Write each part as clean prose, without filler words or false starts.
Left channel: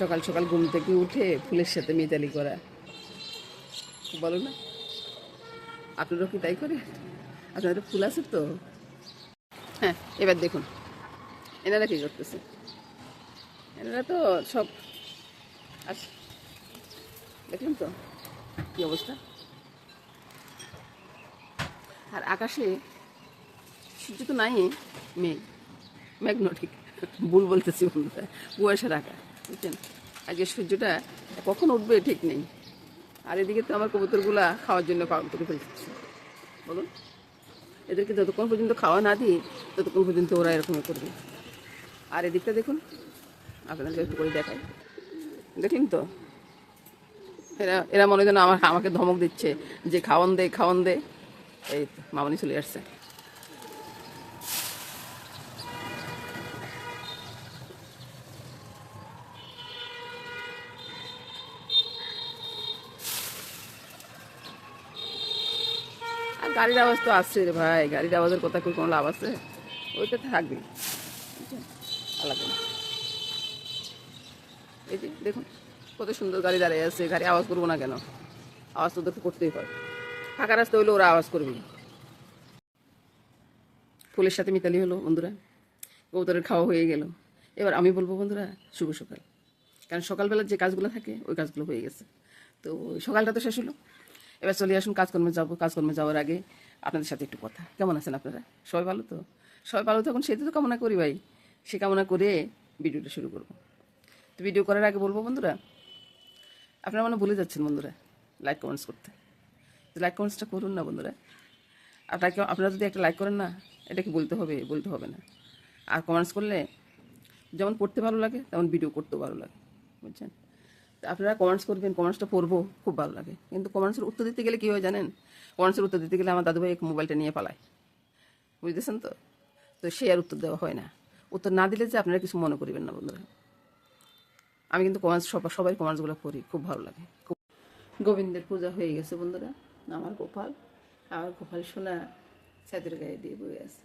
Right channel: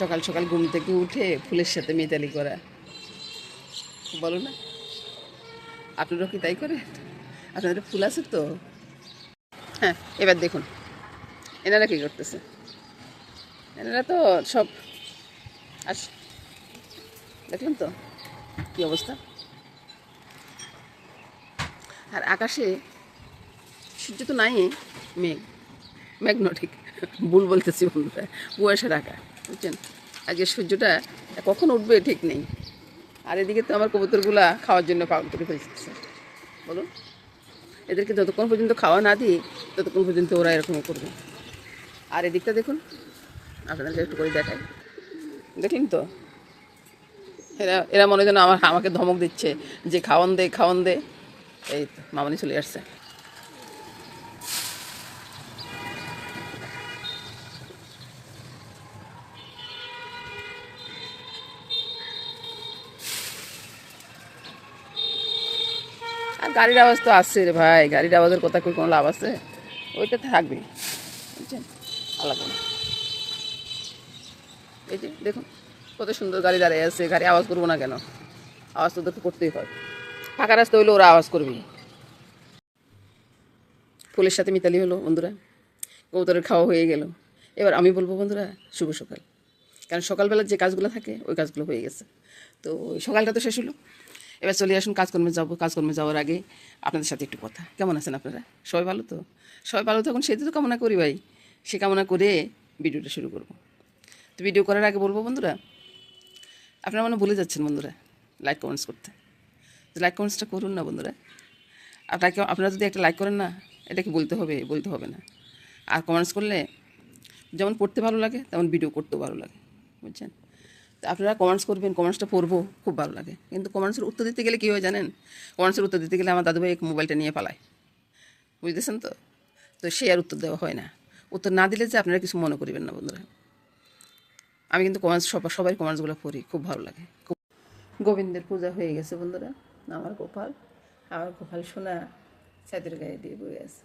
সকাল সকাল ঘুম থেকে উঠে ফুলের সাথে মিতালি করা, বলো না? আপনারাও কি তাই করে? আপনাদের ফুল আছে তো? হ্যাঁ, এবার দেখুন এনারা কী করতেছে। এনারা তো সব আস, দেখলেন তো কী অবস্থা। আর আকাশে সূর্য তো নাই, মেঘ, মেঘ ন ঠিক, ভুল বলতেছি বন্ধুরা, কুয়াশা ঢাকা, বুঝছেন? আজকে সূর্যটা কখন উঠবে ঠিক নেই। আর এদিকে তো আমার কবুতরগুলা খাওয়ার জন্য পাগল করে ফেলতেছে, বলুন। এদেরকে যতক্ষণ পর্যন্ত খাওয়া না দিই ততক্ষণ পর্যন্ত ওরা এরকমই করবে। আর এদিকটা দেখুন, আপনাদেরকে একটু করে দেখাই, দেখলেন তো? এরা এরা মনে যেন আমাকে ধমক দিচ্ছে যে খাওয়ান দে খাওয়ান দে। এই তো মামনি চলে আসছে। আর গাড়ির আওয়াজ তো আসছে রে ভাই, গাড়ির আওয়াজের কথা কই কোনো লাভ আছে? ওইটা থাকবে, বুঝছেন? আলাদা না। এই যে দেখুন কত সুন্দর গাড়ি দাঁড়িয়ে আছে, গাড়ি আওয়াজ করবো না কেন? আওয়াজ তো ওদেরকে করতেই হয়, ফাঁকা রাস্তা হইলে ওরা আওয়াজ করবে। ফুলের সাথে মিতালি হলো বন্ধুরা, কবুতরের খাওয়া হয়ে গেল। এবার আমি বলবো বন্ধুরা শুভ সকাল, কারণ সকালবেলার যে কাজগুলো থাকে ওই কাজগুলো হয়ে গেছে। তো সকালটা তো শেষ হলো, এবার চলে আসুন কাজকর্মে যাবো। কাজকর্মে যাওয়ার আগে আপনাদের সাথে একটু কথা। কেমন আছেন আপনারা? সবাই ভালো তো? সবাই ভালো থাকুন সেটা তো কামনা করি ভাই। সে কামনা করে ভিডিওটা শুরু করব। তো ভিডিও করার আগে বলবো বন্ধুরা, আপনারা মনে ভুলে যাচ্ছেন বন্ধুরা লাইক কমেন্টস করতে। তো লাইক কমেন্টসটা করুন না বন্ধুরা। আপনারা যদি একটা লাইক করেন না, এটা কি বলতে হবে না। আর কমেন্টস করলে যেমন পড়তে ভালো লাগে তেমন ভিডিও করতেও ভালো লাগে, বুঝছেন? তো আপনারা কমেন্টস করবেন, কমেন্টসটা পড়বো, খুব ভালো লাগে। কিন্তু কমেন্টসের উত্তর দিতে গেলে কী হয় জানেন? কমেন্টসের উত্তর দিতে গেলে আমার দাদুভাই মোবাইলটা নিয়ে পালায়, বুঝতেছেন তো? তো সে আর উত্তর দেওয়া হয় না। উত্তর না দিলে যে আপনারা কিছু মনে করিবেন না বন্ধুরা। আমি কিন্তু কমেন্টস সবাই কমেন্টসগুলো পড়ি, খুব ভালো লাগে। গোবিন্দের পূজা হয়ে গেছে বন্ধুরা। আমার গোপাল সোনা ছাদের গায়ে দিয়ে বয়ে আছে।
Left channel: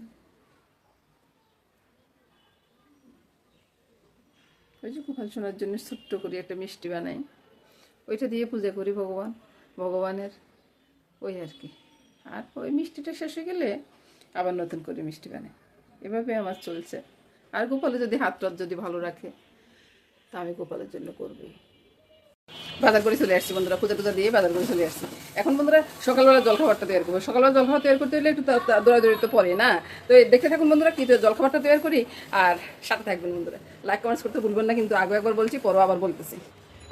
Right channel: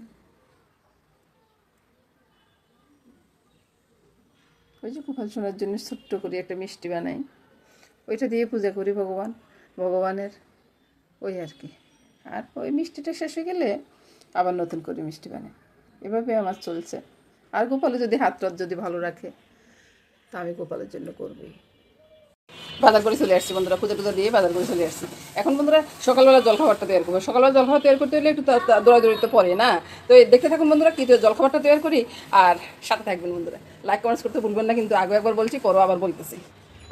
ওই যে গোপাল সোনার জন্য ছোট্ট করে একটা মিষ্টি বানাই, ওইটা দিয়ে পূজা করি ভগবানের, ওই আর কি। আর ওই মিষ্টিটা শেষ হয়ে গেলে আবার নতুন করে মিষ্টি বানাই, এভাবে আমার চলছে। আর গোপালে যদি হাত যদি ভালো রাখে তা আমি গোপালের জন্য করবই। বাজার করে চলে আসছি বন্ধুরা, পূজা দিয়ে বাজার করে চলে আসছি। এখন বন্ধুরা সকালবেলা জলখাবারটা তৈরি করবো। সকালবেলা জলখাবার তৈরি করতে হলে একটু দৌড়াদৌড়ি তো পড়ে না। তো দেখতে থাকুন বন্ধুরা কী জলখাবারটা তৈরি করি, আর সাথে থাকবেন বন্ধুরা। লাইক কমেন্টস করতে ভুলবেন না কিন্তু, আগে একবার বলছি পরও আবার বলতেছি।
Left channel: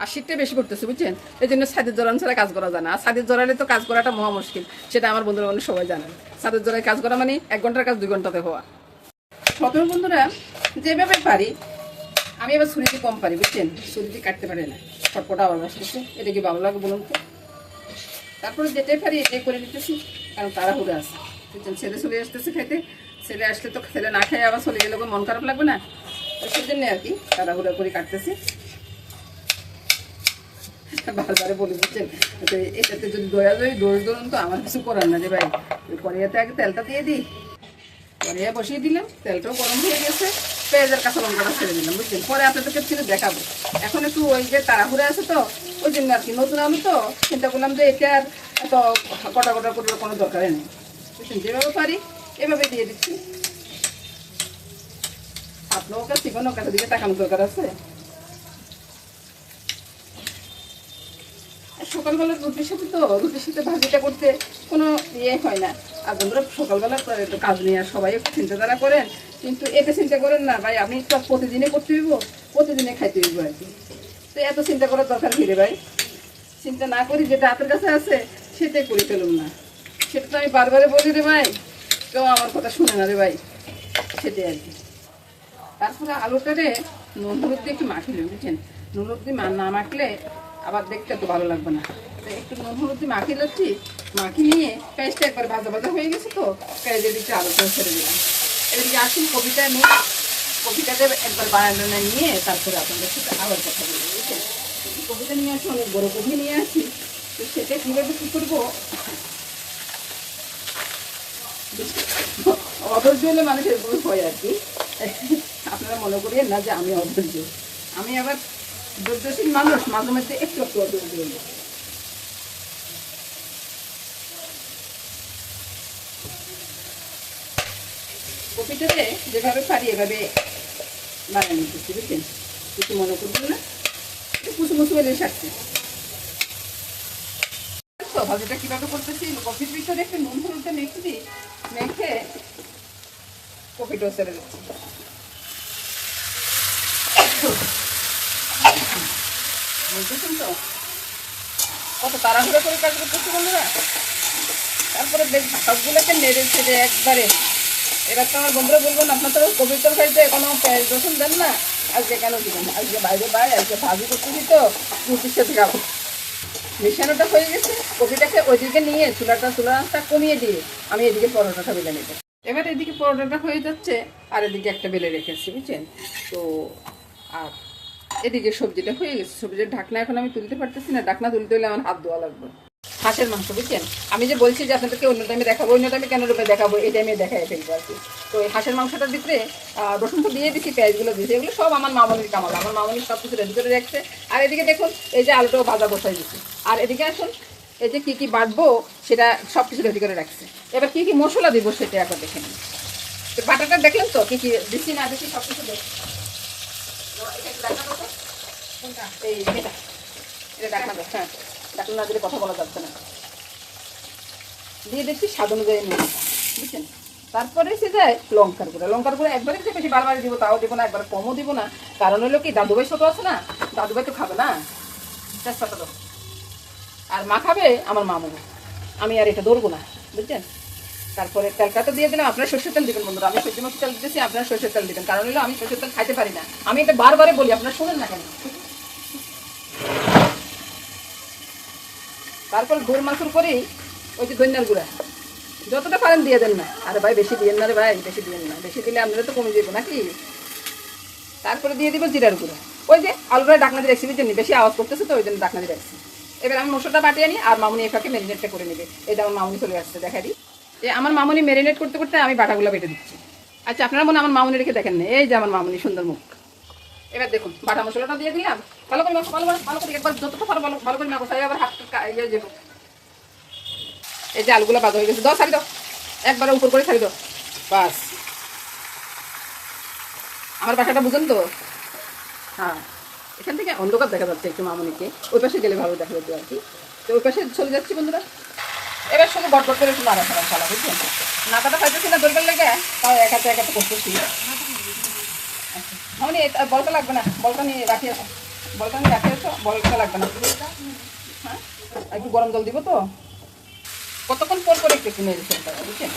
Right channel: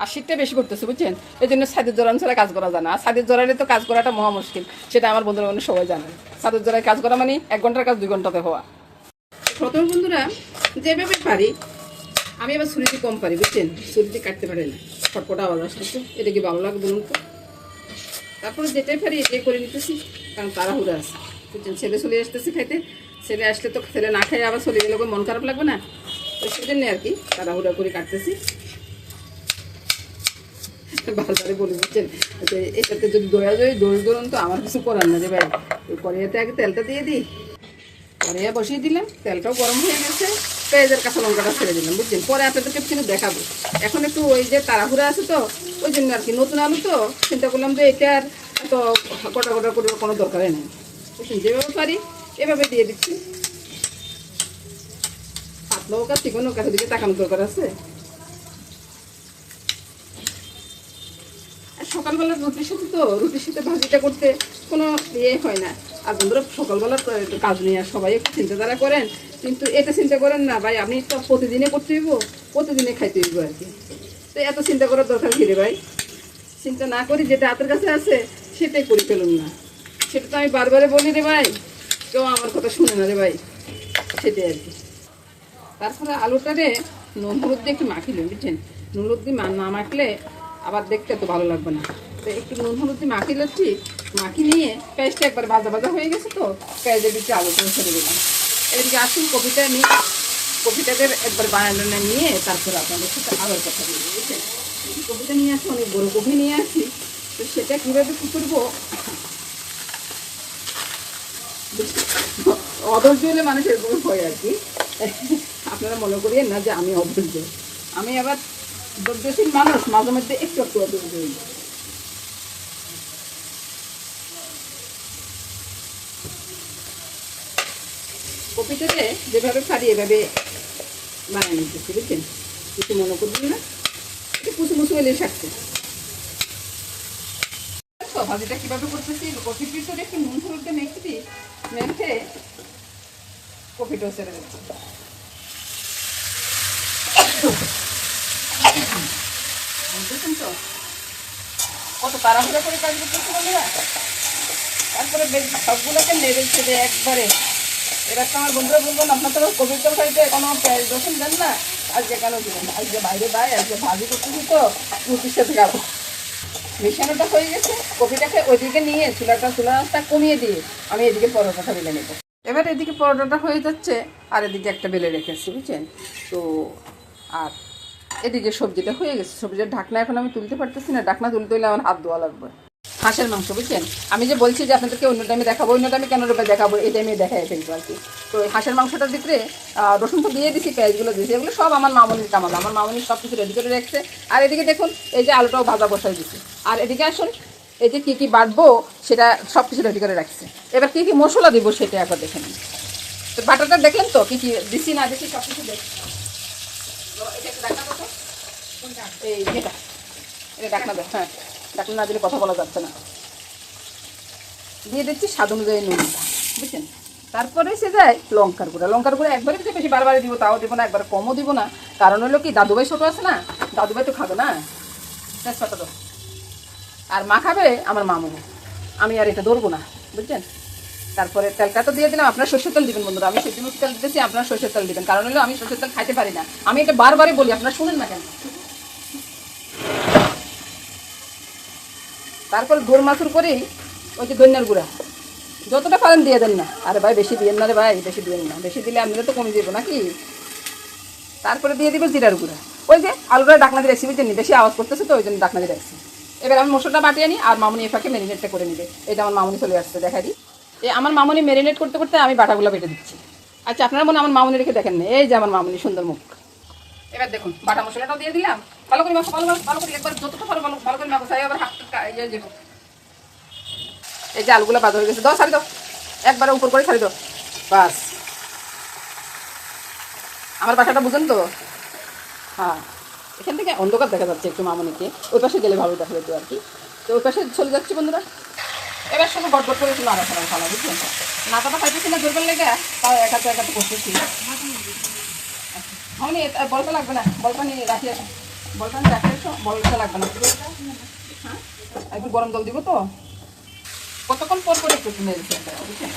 আর শীতটা বেশি করতেছে বুঝছেন, এই জন্য ছাদের জোরান ছাড়া কাজ করা যায় না। আর ছাদের জোরালে তো কাজ করাটা মহা মুশকিল, সেটা আমার বন্ধুরা মানে সবাই জানেন। ছাদের জোড়ায় কাজ করা মানে 1 ঘন্টার কাজ 2 ঘন্টাতে হওয়া। প্রথমে বন্ধুরা যেভাবে পারি, আমি এবার ছুরিতে কম পারি বুঝছেন, ছুরিতে কাটতে পারি না, ফটফটা আবার আসতেছে। এটা কি ভালো লাগে বলুন তো? তারপরে যেটাই পারি এটাই করে নিতেছি, কারণ তাড়াহুড়ো আছে বুঝছেন। ছেলে চলে আসতেছে খাইতে, ছেলে আসলে তো ছেলে না খেয়ে আবার চলে গেলে মন খারাপ লাগবে না, তো সেই জন্য আর কি তাড়াহুড়া করে কাটতেছি। বারবারে বলে বুঝছেন, এটাতে যদি দই ধরুন তো আমার কিছু করার না যে ভাই। ওই কড়াইয়াতে আগে তেলটা দিয়ে দিই, কড়াইয়া বসিয়ে দিলাম, তেলটাও গরম হয়ে গেছে, পেঁয়াজের কাঁচা লঙ্কাটা ছেড়ে দিলাম বুঝছেন। পরে আপনাদেরকে কিছু দেখাবো। এখন একটু ওই যে তাড়াহুড়া আছে তো ওই জন্য আর কি, নতুন আলু তো চিন্তা করলাম যে এটা আর অত গোটা গোটা করার কোনো দরকারই নেই বুঝছেন। যেভাবে পারি এভাবে দিয়ে দিচ্ছি। আপনার কাছে কোনো কাছে দিকে তাকানোর দরকার আছে। সকালবেলা রুটির সাথে ভাজিটা করতে কোনো ইয়ে হয় না। আর বন্ধুরা সকালবেলা একটু কাজ নিয়ে সবাই একটু চিন্তাধারা করেন, কিন্তু এতে চিন্তা করেন না ভাই আপনি তো প্রতিদিনে করতে হইব, প্রতিদিনে খাইতে হইব আর কি। তো এত চিন্তা করার দরকার কি রে ভাই? চিন্তা না করি যেটা হাতের কাছে আছে সেটাই করে ফেলুন না। সেটা তো আমি বারবারে বলি রে ভাই, কেউ আমার কথা শুনে না রে ভাই, সেটাই আর কি। তারপরে আলুটারে নুন হলুদ দিয়ে একটু মাখিলেন বুঝছেন। নুন হলুদ দিয়ে না মাখলে আবার দেখতে তো ভালো লাগবে না। তো একটু নুন হলুদ দিয়ে মাখিয়ে নিচ্ছি, মাখিয়ে নিয়ে পেঁয়াজটা একবার ভাজা হয়ে গেছে তো পেঁয়াজের দিকে আলুটা ছেড়ে দিলাম। এদিকে আসুন কপিটাকে একবার বানানো নিয়ে তারপরে আপনাদের সাথে আবার কথা বলবো বুঝছেন। কপিটা নিয়ে আসি, অনেক বড়ো কপি নিয়ে আসি, তো সেটা কীভাবে কী করবো অধৈর্য হলে মানুষের ভুল হয় আর কি। আপনারা মনে করিয়েন না যে আমি অধৈর্য। আমি আবার ধৈর্যশীল মানুষ মাঝে মধ্যে একটু একটু দিয়ে কপিটাতে যেভাবে পারি এভাবে বানিয়ে নিতেছি, বুঝছেন? কিছু মনে করবেন না, একটু কুচু কুচু এলে থাকছে। ভাজিটা কিভাবে করতেছি, কপির ভিতরে একটু নুন হলুদটা মেখে দিই, মেখে কপিটাও ছেড়ে দিচ্ছি। বুঝতেছেন তো কত তাড়াহুড়ো করে কাজ করতেছি বন্ধুরা। তারপরে সবগুলোকে নেড়ে ছেড়ে একবারে, এবার তো আমার বন্ধুরা বলবো না আপনার তো কপির তরকারিতে কোনো রসুন দেন না, আজকে কেন দিবেন? আজকে বাইরে আজকে ভাজি করতেছি তো রুটির সাথে খাবো। মেশানোটা হয়ে গেছে, কপিটাকে ওইদিকে নিয়ে চুলার আঁচটা কমিয়ে দিয়ে আমি এদিকে পরোটাটা বেলে নেব। এবার এদিকে পরোটাটা হয়ে যাচ্ছে আর এদিকে একটা বেলে রেখেছি, বুঝছেন তো। আর এদিকে সবজিটা হয়ে গেছে, সবজির ঢাকনা এখন আমি তুলতে পারতেছি না, ঢাকনা তুলতে হলে আমার হাত ধোয়া লাগবে। হাঁসের মাংস, বুঝছেন? আমি যে বলছি যে আপনাদেরকে অন্য টাইমে দেখাবো, অন্য টাইমে কেন রূপে দেখাবো, এই টাইমে দেখাই ফেলবো আর কি। তো হাঁসের মাংসটার ভিতরে রসুন তো দিয়ে দিচ্ছি, পেঁয়াজগুলো দিয়েছি, এগুলো সব আমার মামনির কামাল, আমার মামনির সব কিছু রেডি করে রাখছে। আর এদিকে দেখুন এই যে আলুটাও ভাজা বসাই দিচ্ছি। আর এদিকে আসুন এই যে কী কী বাটবো সেটা সব কিছু রেডি করে রাখছে। এবার কী কী মশলা দিব সেটা একবার দেখে নিন। তো বাটারটা দেখলেন তো কী কী দিচ্ছি না দিচ্ছি সব কিছু দেখছি। এই এটা ডাকনা দেখ, হ্যাঁ ডাকনা না দিলে কথা বলা যাচ্ছে না। দিয়ে দিচ্ছি স্বাদ অনুযায়ী নুন, বুঝছেন? তারপরে সে যায় লঙ্কার গুঁড়া একবারে দিতে বেশি বারবার দিব, তাও দিব না, একবার কমও দিব না। কারণ হলো কি দাদুভাই ছোটো আছে না, দাদুভাই তো খাবে না, ছোটো। আর মা খাবে আমার মামুনি, আমি আর এটা ধরবো না, বুঝছেন? তারপরে তেলটা তো দিয়ে দিলাম, আপনারা সরষের তেল দিবেন বন্ধুরা, আমি সেজন্য তেল দিতেছি, আপনারা সরষের তেল দিবেন। কারণ হলো আমি সরষের তেল খাইতে পারি না, আমি এটা বারবারই বলি, আপনারা শুনেন না কেন। তারপর দোর মাছুর করেই ওই যে ধনিয়ার গুঁড়া যতটা পারেন দিয়ে দেন না। আরে ভাই বেশি দিয়েন না রে ভাই, বেশি দিয়েন না, বেশি দিলে আপনারা তো কমে দেবো নাকি। তারপরে দিয়ে দিব জিরার গুঁড়া, ওই যে আলুটা ডাকনা দিয়ে রাখছি, বুঝছেন? বেশি আওয়াজ করতেছে তো ওই জন্য ডাকনা দিয়ে রাখছি। এবার আমি মশলাটা বাটিয়ে নিই আর মামুনি এফাকে ম্যারিনেটটা করে নিবে। এই যে আমার মামুনি চলে আসছে, দেখাই দিই। আমার মামুনি ম্যারিনেট করতে করতে আমি বাটাগুলো বেটে দিচ্ছি। আচ্ছা আপনারা মনে আমার মামুনি রেখে দেখেন না, এই যে আমার মামুনি সুন্দর মুখ। এবার দেখুন বাটা মশলাটা দিয়ে দিলাম, ভালো করে মাখো, ভালো করে একবার যতটা পারো ভালো করে মাখো, তাই আবার হাতটা এই যে আলুগুলো বাদ হয়ে গেছে, দাও ছাড়ি দাও, একবারে উপর করে ছাড়ি দাও, বাস। আমার বাসাটা বুঝেন তো? হ্যাঁ, এখান থেকে অন্ধকার দেখা যাচ্ছে একটু মামনিকে, ওই পাশে গেলে ভালো দেখা যেত আর কি। তো ওই পাশে চলে যাচ্ছি বন্ধুরা। এবার সঙ্গে গটগট করে একটু নাড়াচাড়া ভালো, বুঝছেন? নাটাটা খাইতেছি না দরকার লেগে, তাও একাতে করতেছি। মামনি বলটা লাগবে না, বলটা নিয়ে রাখি আসো, বলটা নিয়ে রাখি আসো, বলটা লাগবে না। হ্যাঁ একটু গরম জল দিব তো, কতক্ষণ পর করে একটু নেড়ে ফেলতে হবে, বুঝছেন?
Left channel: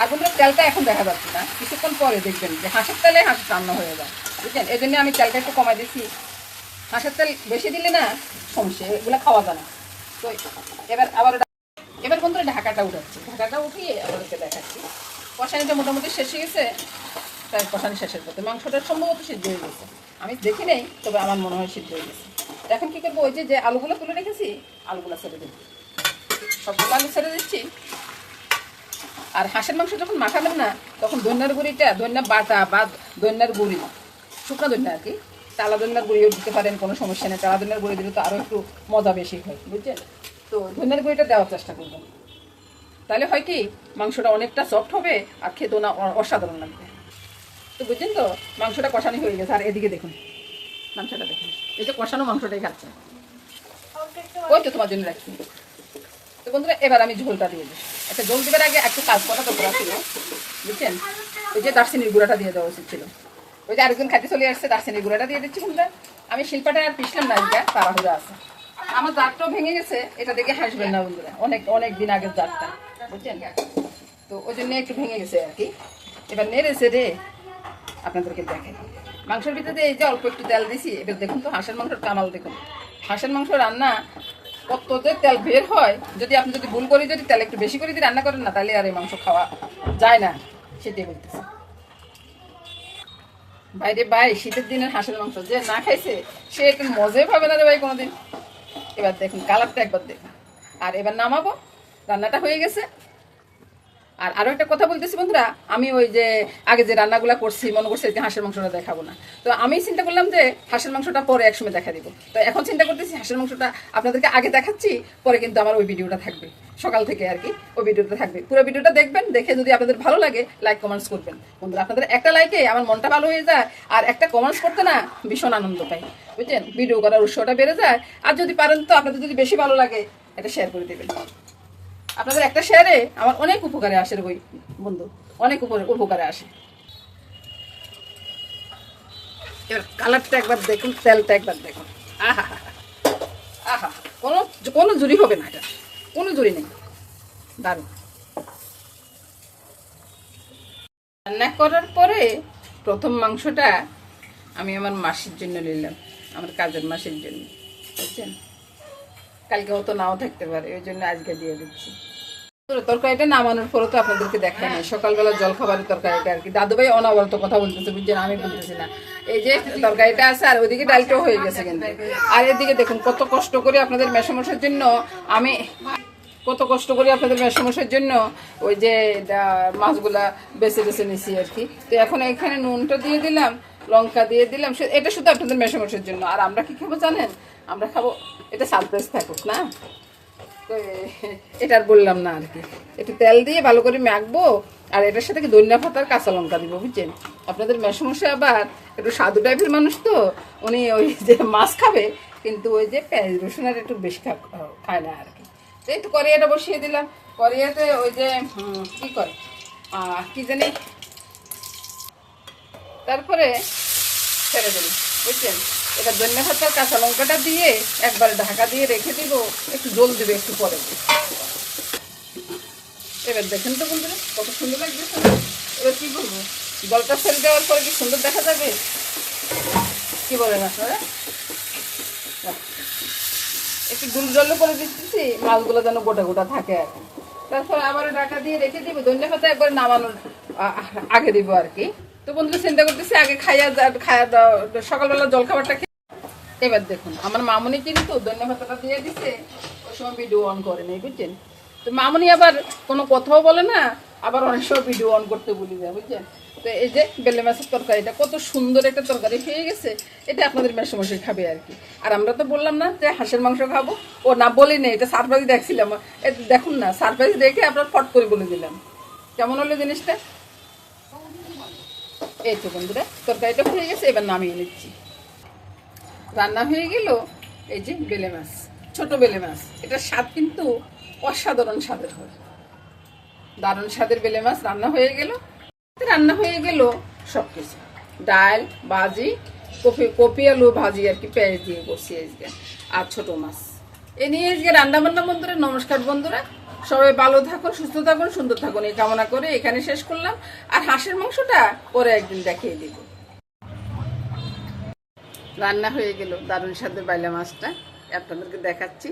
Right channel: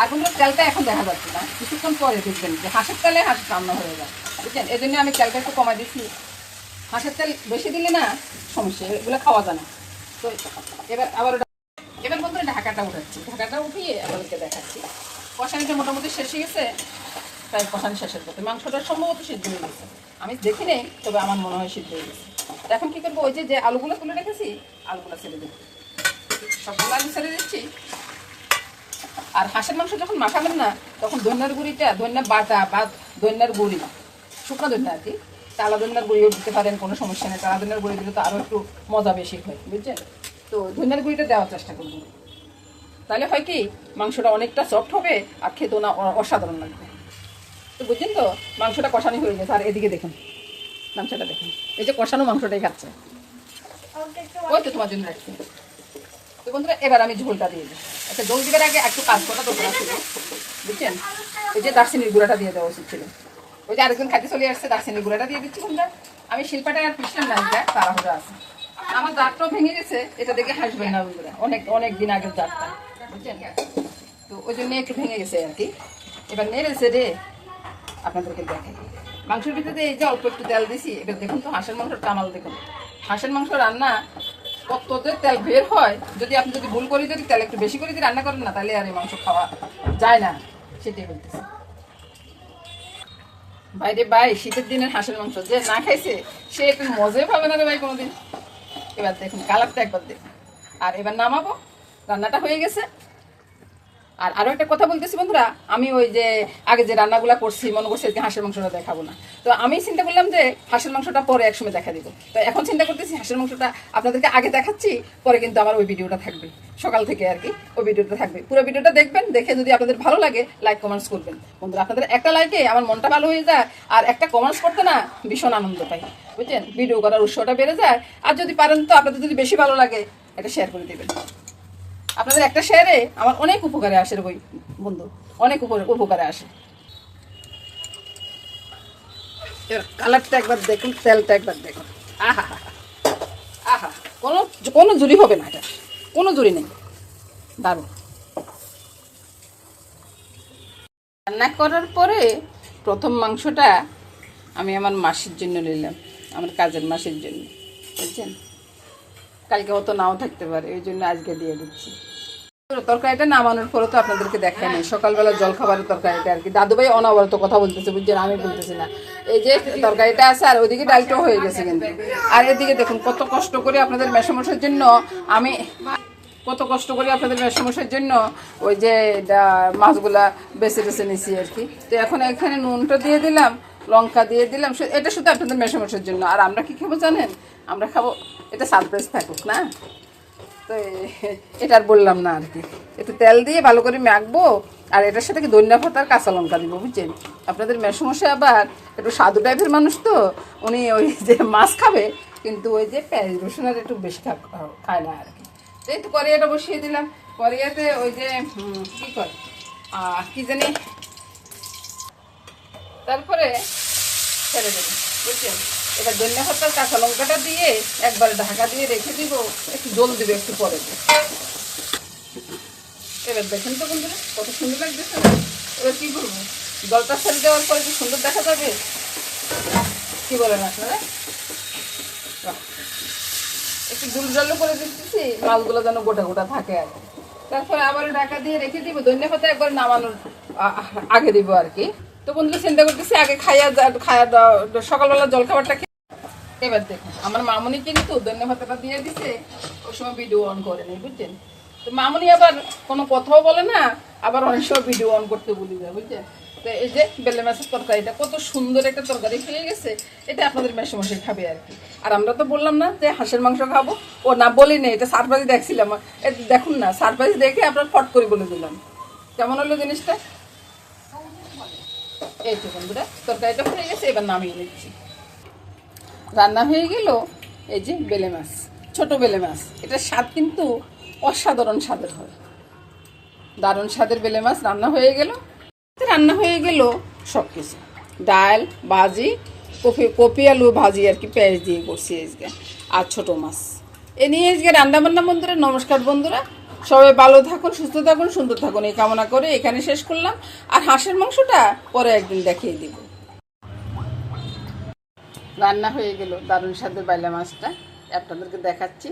আর বন্ধুরা তেলটা এখন দেখা যাচ্ছে না, কিছুক্ষণ পরে দেখবেন যে হাঁসের তেলে হাঁস রান্না হয়ে যায়, বুঝছেন? এই জন্য আমি তেলটা একটু কমাই দিচ্ছি। হাঁসের তেল বেশি দিলে না সমস্যা, এগুলো খাওয়া যায় না। তো এবার বন্ধুরা ঢাকাটা উঠাচ্ছি, ঢাকাটা উঠিয়ে আপনাদেরকে দেখাচ্ছি। কষানিটা মোটামুটি শেষ হয়ে গেছে, প্রায় কষানি শেষের পথে, মাংসটা সম্ভবত সিদ্ধ হয়ে গেছে, আমি দেখি নেই, তবে আমার মনে হয় সিদ্ধ হয়ে গেছে। এখন কী করবো, ওই যে আলুগুলো তুলে রেখেছি আলুগুলো ছেড়ে দেবো, সবগুলো আলু ছেড়ে দিচ্ছি। আর হাঁসের মাংস যখন মাখাবেন না তখন ধনিয়ার গুঁড়িটা, ধনিয়া বাটা বা ধনিয়ার গুঁড়ি, শুকনো ধনিয়া আর কি, টালা ধনিয়ার গুঁড়িও দিতে পারেন, কোনো সমস্যা নেই। টালা ধনিয়ার গুঁড়ি দিলে তো আরও একটু মজা বেশি হয়, বুঝছেন? তো ধনিয়ার গুঁড়িটা দেওয়ার চেষ্টা করবেন, তাহলে হয় কি মাংসটা অনেকটা সফট হবে আর খেতেও না অসাধারণ লাগবে। তো বুঝছেন তো, মাংসটা কষানি হয়ে গেছে। আর এদিকে দেখুন মাংসটা দেখুন, এই যে কষানো মাংসটাই খাচ্ছে, ওই তো তোমার জন্য রাখছি। তো বন্ধুরা এবার আমি ঝোলটা দিয়ে দিই। আচ্ছা ঝোল দিবার আগে একটু কাজ করা তো করা ছিল, বুঝছেন? এই যে দারচিনির গুঁড়াটা দিয়ে দেওয়া উচিত ছিল, ওই যে আরেকজন খাইতে চলে আসছে, দারচিনির গুঁড়াটা দিয়ে দিচ্ছি বন্ধুরা। আমি শিল্পাটা আর পিছলাম না, এটা তাড়াহুড়া আছে। আমার জারটাও ভেঙে গেছে, এটা দেখে হাসবেন না বন্ধুরা, অনেক অনেক দিন আগের জারটা, বুঝছেন? তো ওই জন্য একটু ভেঙে গেছে আর কি। এবার নেড়েছে রে আপনাদেরকে দেখেন, মাংসের ভিতরে এই যে অল্প একটু তেল দিছি। এবার দেখুন তো হাঁসের মাংসের কামাল দেখুন, হাঁসের মাংস রান্না কত যে তেল বের হয়। যদি আপনি যদি ভুল করে যদি তেল একটু বেশি করে যদি রান্না করেন না, তাহলে আর এই মাংস খাওয়া যায় না, সেটাই বলতেছে। বাইরে ভাই শীতের দিনের হাঁসের মাংস যে না খাইছে সে একটু মজাই পাবে না রে ভাই কোনোদিন। এবার দেখুন কালারটা একবার দেখুন। আর এবার নামাবো, রান্নাটা হয়ে গেছে। আর আরো একটা কথা বলতেছি বন্ধুরা, আমি ওই যে আগে যে রান্নাগুলো করছি মনে করছি যে হাঁসের মাংসটা দেখাবো না, তো আমি চিন্তা করলাম যে হাঁসের মাংসটা পরে একসময় দেখা দিব। তো এখন চিন্তা করতেছি হাঁসের মাংসটা আপনাদেরকে আগে দেখাচ্ছি, পরে কিন্তু আমার ওই ভিডিওটা থাকবে সকাল থেকে আর কি, ওই ভিডিওটা থাকবে। পুরো ভিডিওটা দেখবেন, দেখে যদি আপনাদের ভালো লাগে লাইক কমেন্টস করবেন বন্ধুরা। আপনাদের একটা লাইকে আমার মনটা ভালো হয়ে যায়, আর একটা কমেন্টস করতে না ভীষণ আনন্দ পাই, বুঝছেন, ভিডিও করার উৎসাহটা বেড়ে যায়। আর যদি পারেন তো আপনাদের যদি বেশি ভালো লাগে এটা শেয়ার করে দেবেন। আপনাদের একটা শেয়ারে আমার অনেক উপকারে আসে বই বন্ধু, অনেক উপকারে আসে। এবার কালারটা একবার দেখুন, তেলটা একবার দেখুন, আহা আহা, কোনো কোনো জুড়ি হবে না, এটা কোনো জুড়ি নেই, দারুণ। রান্না করার পরে প্রথম মাংসটা আমি আমার মাসির জন্য নিলাম, আমার কাজের মাসির জন্য, বুঝছেন, কালকে হয়তো নাও থাকতে পারে, ওই জন্য আজকে দিয়ে দিচ্ছি। তরকারিটা নামানোর পরে তো আপনাদেরকে দেখায় নাই, সকালবেলা জল খাবারের তরকারিটা আর কি। দাদু ভাই অনবরত কথা বলতেছে, বুঝছেন, আমি বলতেছি না। এই যে তরকারিটা আছে, আর ওইদিকে ডালটাও হয়ে গেছে কিন্তু। আর এদিকে দেখুন কত কষ্ট করে আপনাদের মেসমশার জন্য আমি জন্য ওই যে মাছগুলা বেছে বেছে নিছি আর কি। তো এখন এখানে নুনটা দিয়ে দিলাম, লঙ্কা দিয়ে দিলাম, এটা শুধু আপনাদের মেসমশার জন্য। আর আমরা কি খাবো জানেন, আমরা খাবো, এটা সারপ্রাইজ থাকুক না, তো এটা আর বললাম না আর কি। একটু তেল দিয়ে ভালো করে মাখবো, আর এটার সাথে কি ধনিয়া পাতা আর কাঁচা লঙ্কা দিব, বুঝছেন। আপনাদের মেসমশাই আবার একটু সাধু টাইপের মানুষ, তো উনি ওই যে মাছ খাবে কিন্তু ওই যে পেঁয়াজ রসুন আর একটু বেশি খায় না আর কি। এই তো কড়াইটা বসিয়ে দিলাম, কড়াইতে ওই যে কি করে কি জানি, তারপরে ছেড়ে দেবো, বুঝছেন। এটা ধনিয়া পাতার কাঁচা লঙ্কাটা দিয়ে একবার ঢাকা দিয়ে রেখে দিব, একটু জল দেবে একটু পরে। এবার দেখেন তো বন্ধুরা কত সুন্দর লাগতেছে। এবার কি বলবো, জলটা ছেড়ে দেওয়ার পরে কি সুন্দর দেখা যাবে, কি বলেন আপনারা। একটু গুল জল করে দিচ্ছি, মাছগুলো যেন গোটা গোটা থাকে আর কি। তারপরে আবার ঢাকা দিয়ে রেখে দিব, ধনিয়া পাতা একবার নামানোর আগে দিব আর কি। তো বন্ধুরা চিন্তা করতেছি আগে খাইয়া সকালবেলা জল খাবারটা খেয়ে। এবার দেখুন আমার মামনি কিন্তু ধনিয়া পাতাটা দিয়ে দিছে, ওই সময় ভিডিও অন করে নেই, বুঝছেন। তো মামনি আবার কোনো কথাও বলে না, আবার অনেক সময় ভিডিও অন করতে ভুলে যায়, বুঝছেন। তো এই যে বেলে মাছের তরকারিটা কত সুন্দর একটা তরকারি হয়ে গেছে, এটা আপনাদের মেসমশাই খাবে আর কি। আর আমরা তো বললাম না যে হাঁসের মাংস খাবো, ও না বলি নেই, এটা সারপ্রাইজ দেখছিলাম। দেখুন না, সারপ্রাইজ দেখে আপনার ফট করে বলে দিলাম। কেমন হলো জিনিসটা। এই তো বন্ধুরা তরকারিটা হয়ে গেছে, এবার নামিয়ে নিচ্ছি। রান্না হয়ে গেল এই যে বেলে মাছ, ছোট বেলে মাছ, এটার স্বাদ কিন্তু অসাধারণ স্বাদের হয়, দারুণ স্বাদের বেলে মাছ রান্না হয়ে গেল। সব কিছু, ডাল ভাজি, কপি আলু ভাজি আর কি, পেঁয়াজ দিয়ে করছি আজকে, আর ছোট মাছ এ নিয়ে আজকে রান্না বান্না। বন্ধুরা নমস্কার বন্ধুরা, সবাই ভালো থাকুন, সুস্থ থাকুন, সুন্দর থাকুন, এই কামনা করে এখানে শেষ করলাম। আর হাঁসের মাংসটা পরে একদিন দেখিয়ে দিব। রান্না হয়ে গেল দারুণ স্বাদের বাইলা মাছটা, আপনাদেরকে দেখাচ্ছি।